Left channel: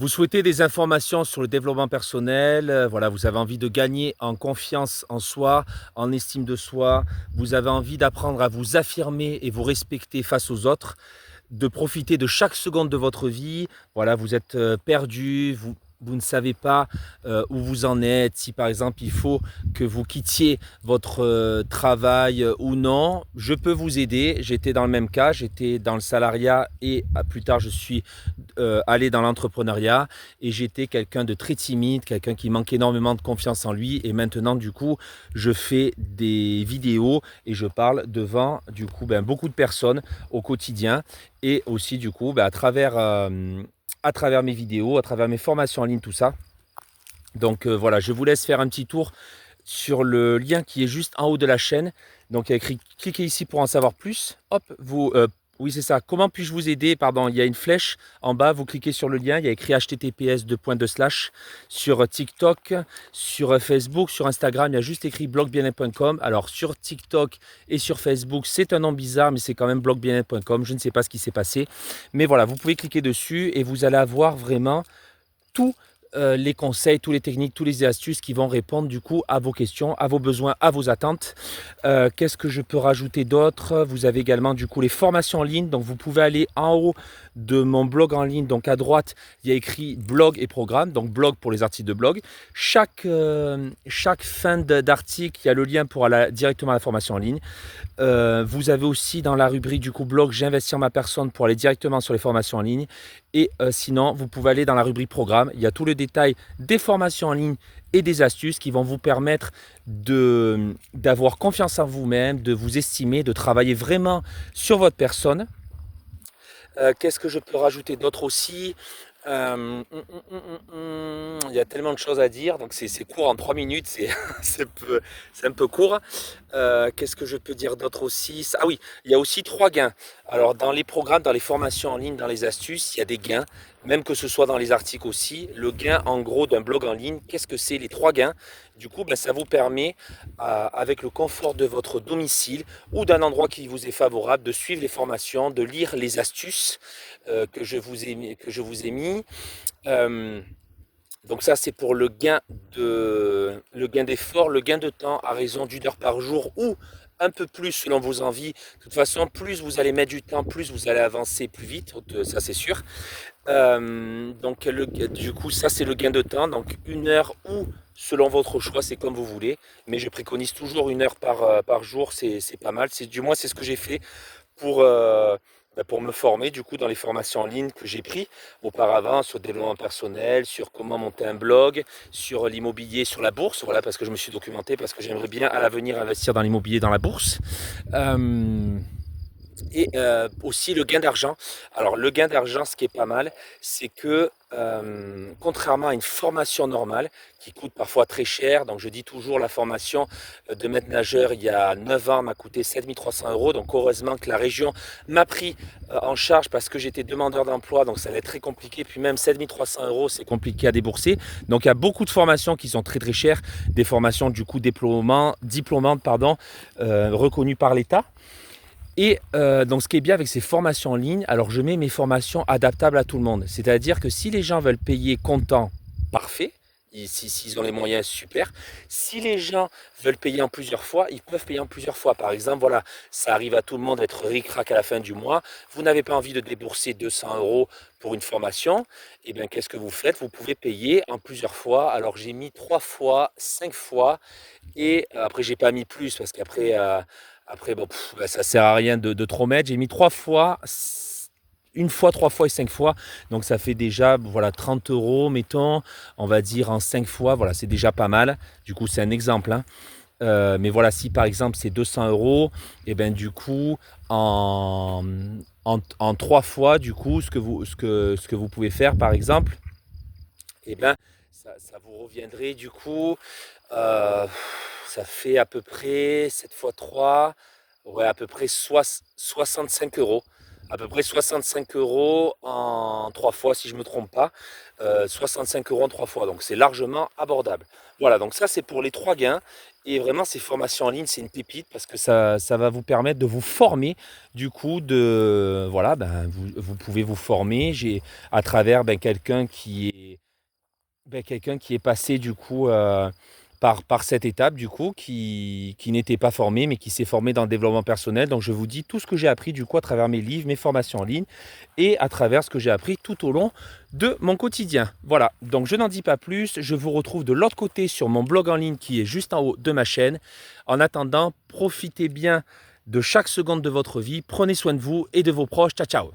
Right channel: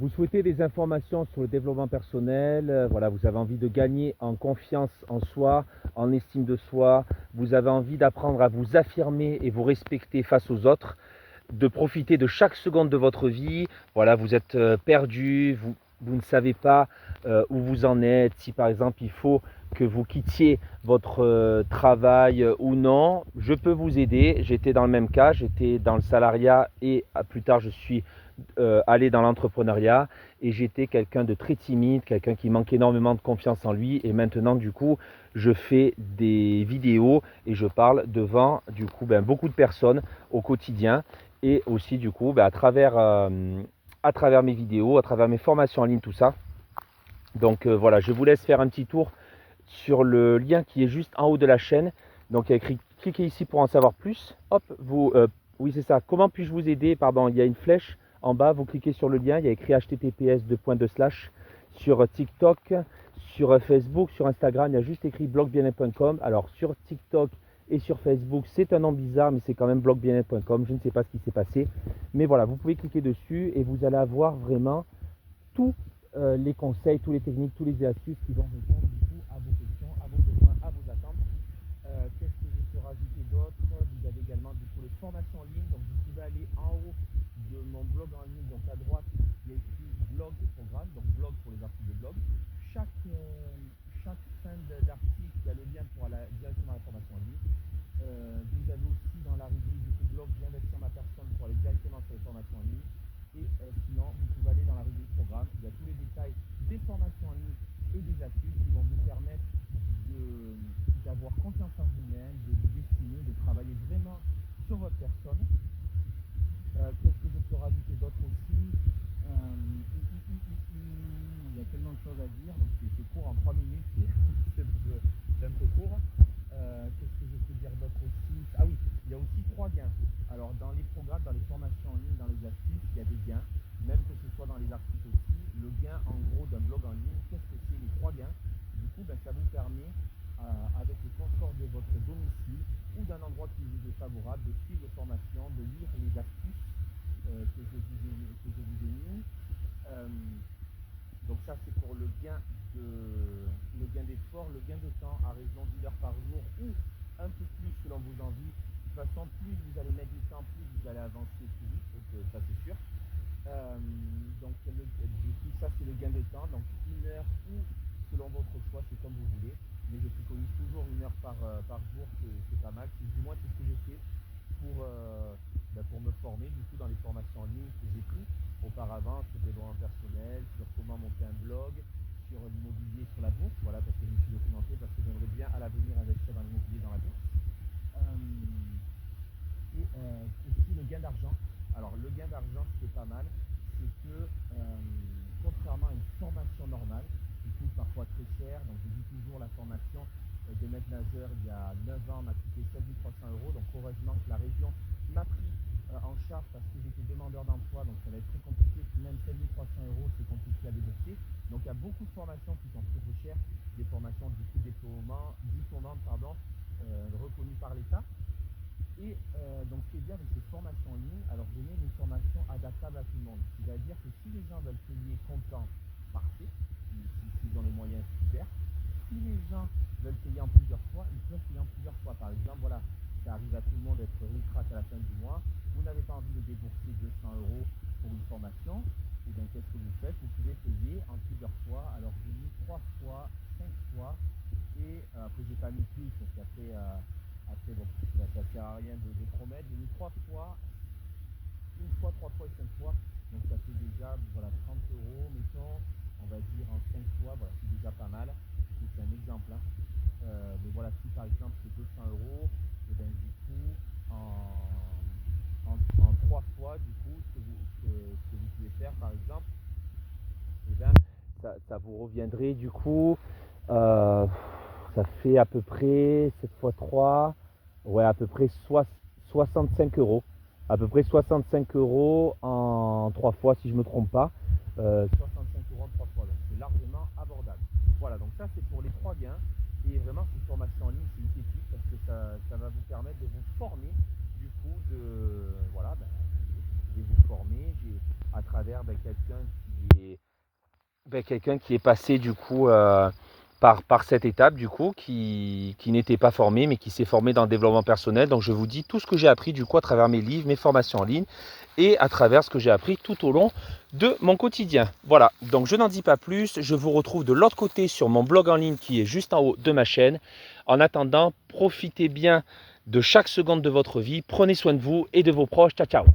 Vous souhaitez des informations sur le développement personnel, voilà, vous avez envie de gagner en confiance en soi, en estime de soi, vous avez envie d'apprendre à vous affirmer et vous respecter face aux autres, de profiter de chaque seconde de votre vie. Voilà, vous êtes perdu, vous ne savez pas où vous en êtes, si par exemple il faut que vous quittiez votre travail ou non, je peux vous aider. J'étais dans le même cas, j'étais dans le salariat et plus tard je suis allé dans l'entrepreneuriat et j'étais quelqu'un de très timide, quelqu'un qui manque énormément de confiance en lui et maintenant du coup je fais des vidéos et je parle devant du coup beaucoup de personnes au quotidien et aussi du coup à travers mes vidéos, à travers mes formations en ligne, tout ça. Donc voilà, je vous laisse faire un petit tour sur le lien qui est juste en haut de la chaîne. Donc il y a écrit cliquez ici pour en savoir plus. Hop, oui c'est ça. Comment puis-je vous aider? Pardon, il y a une flèche en bas, vous cliquez sur le lien, il y a écrit https sur TikTok, sur Facebook, sur Instagram, il y a juste écrit blogbiennet.com. Alors sur TikTok et sur Facebook, c'est un nom bizarre, mais c'est quand même blogbiennet.com. Je ne sais pas ce qui s'est passé. Mais voilà, vous pouvez cliquer dessus et vous allez avoir vraiment tout les conseils, toutes les techniques, toutes les astuces qui vont répondre du coup à vos questions, à vos besoins, à vos attentes. Qu'est-ce que je peux rajouter d'autre? Vous avez également du coup les formations en ligne. Donc vous pouvez aller en haut de mon blog en ligne. Donc à droite, il y a écrit blog et programme. Donc blog pour les articles de blog. Chaque fin d'article, il y a le lien pour aller directement à la formation en ligne. Vous avez aussi dans la rubrique du coup blog, j'investis en ma personne pour aller directement sur les formations en ligne. Et sinon, vous pouvez aller dans la rubrique programme. Il y a tout le détail des formations en ligne et des astuces qui vont vous permettre d'avoir confiance en vous-même, de vous estimer, de travailler vraiment sur votre personne. Qu'est-ce que je peux rajouter d'autre aussi? Il y a tellement de choses à dire, donc c'est court en 3 minutes, c'est un peu court. Qu'est-ce que je peux dire d'autre aussi? Ah oui, il y a aussi 3 gains. Alors dans les programmes, dans les formations en ligne, dans les astuces, il y a des gains, même que ce soit dans les articles aussi. Le gain en gros d'un blog en ligne, qu'est-ce que c'est les 3 gains? Du coup, ça vous permet, avec le confort de votre domicile ou d'un endroit qui vous est favorable, de suivre les formations, de lire les astuces que je vous ai mis. Euh, donc ça, c'est pour le gain d'effort, le gain de temps à raison d'une heure par jour ou un peu plus selon vos envies. De toute façon, plus vous allez mettre du temps, plus vous allez avancer plus vite, ça c'est sûr. Du coup, ça c'est le gain de temps. Donc une heure ou selon votre choix, c'est comme vous voulez. Mais je préconise toujours une heure par jour, c'est pas mal. Du moins, c'est ce que j'ai fait pour, pour me former du coup dans les formations en ligne que j'ai pris auparavant sur le développement personnel, sur comment monter un blog, sur l'immobilier, sur la bourse, voilà parce que je me suis documenté, parce que j'aimerais bien à l'avenir investir dans l'immobilier, dans la bourse. Et aussi le gain d'argent. Alors le gain d'argent, ce qui est pas mal, c'est que contrairement à une formation normale qui coûte parfois très cher, donc je dis toujours la formation de maître nageur il y a 9 ans m'a coûté 7 300 €, donc heureusement que la région m'a pris en charge parce que j'étais demandeur d'emploi, donc ça allait être très compliqué, puis même 7 300 € c'est compliqué à débourser. Donc il y a beaucoup de formations qui sont très très chères, des formations du coup diplômantes, reconnues par l'État. Et donc ce qui est bien avec ces formations en ligne, alors je mets mes formations adaptables à tout le monde. C'est-à-dire que si les gens veulent payer comptant, parfait. S'ils ont les moyens, super. Si les gens veulent payer en plusieurs fois, ils peuvent payer en plusieurs fois. Par exemple, voilà, ça arrive à tout le monde d'être ric-rac à la fin du mois. Vous n'avez pas envie de débourser 200 € pour une formation. Et bien, qu'est-ce que vous faites? Vous pouvez payer en plusieurs fois. Alors, j'ai mis 3 fois, 5 fois. Et après, j'ai pas mis plus parce qu'après, ça sert à rien de trop mettre. J'ai mis 3 fois, une fois, 3 fois et 5 fois. Donc ça fait déjà voilà, 30 € mettons, on va dire en 5 fois. Voilà, c'est déjà pas mal. Du coup, c'est un exemple, hein. Mais voilà, si par exemple c'est 200 €, et ben du coup, en 3 fois, du coup, ce que vous pouvez faire par exemple, et ben ça vous reviendrait du coup, euh, ça fait à peu près 7 fois 3, ouais, à peu près 65 €. À peu près 65 € en 3 fois, si je ne me trompe pas. 65 € en 3 fois, donc c'est largement abordable. Voilà, donc ça c'est pour les 3 gains et vraiment ces formations en ligne, c'est une pépite parce que ça va vous permettre de vous former du coup de voilà, ben, vous pouvez vous former. J'ai à travers, quelqu'un qui est passé du coup, par cette étape du coup, qui n'était pas formé, mais qui s'est formé dans le développement personnel. Donc je vous dis tout ce que j'ai appris du coup à travers mes livres, mes formations en ligne et à travers ce que j'ai appris tout au long de mon quotidien. Voilà, donc je n'en dis pas plus, je vous retrouve de l'autre côté sur mon blog en ligne qui est juste en haut de ma chaîne. En attendant, profitez bien de chaque seconde de votre vie, prenez soin de vous et de vos proches. Ciao, ciao!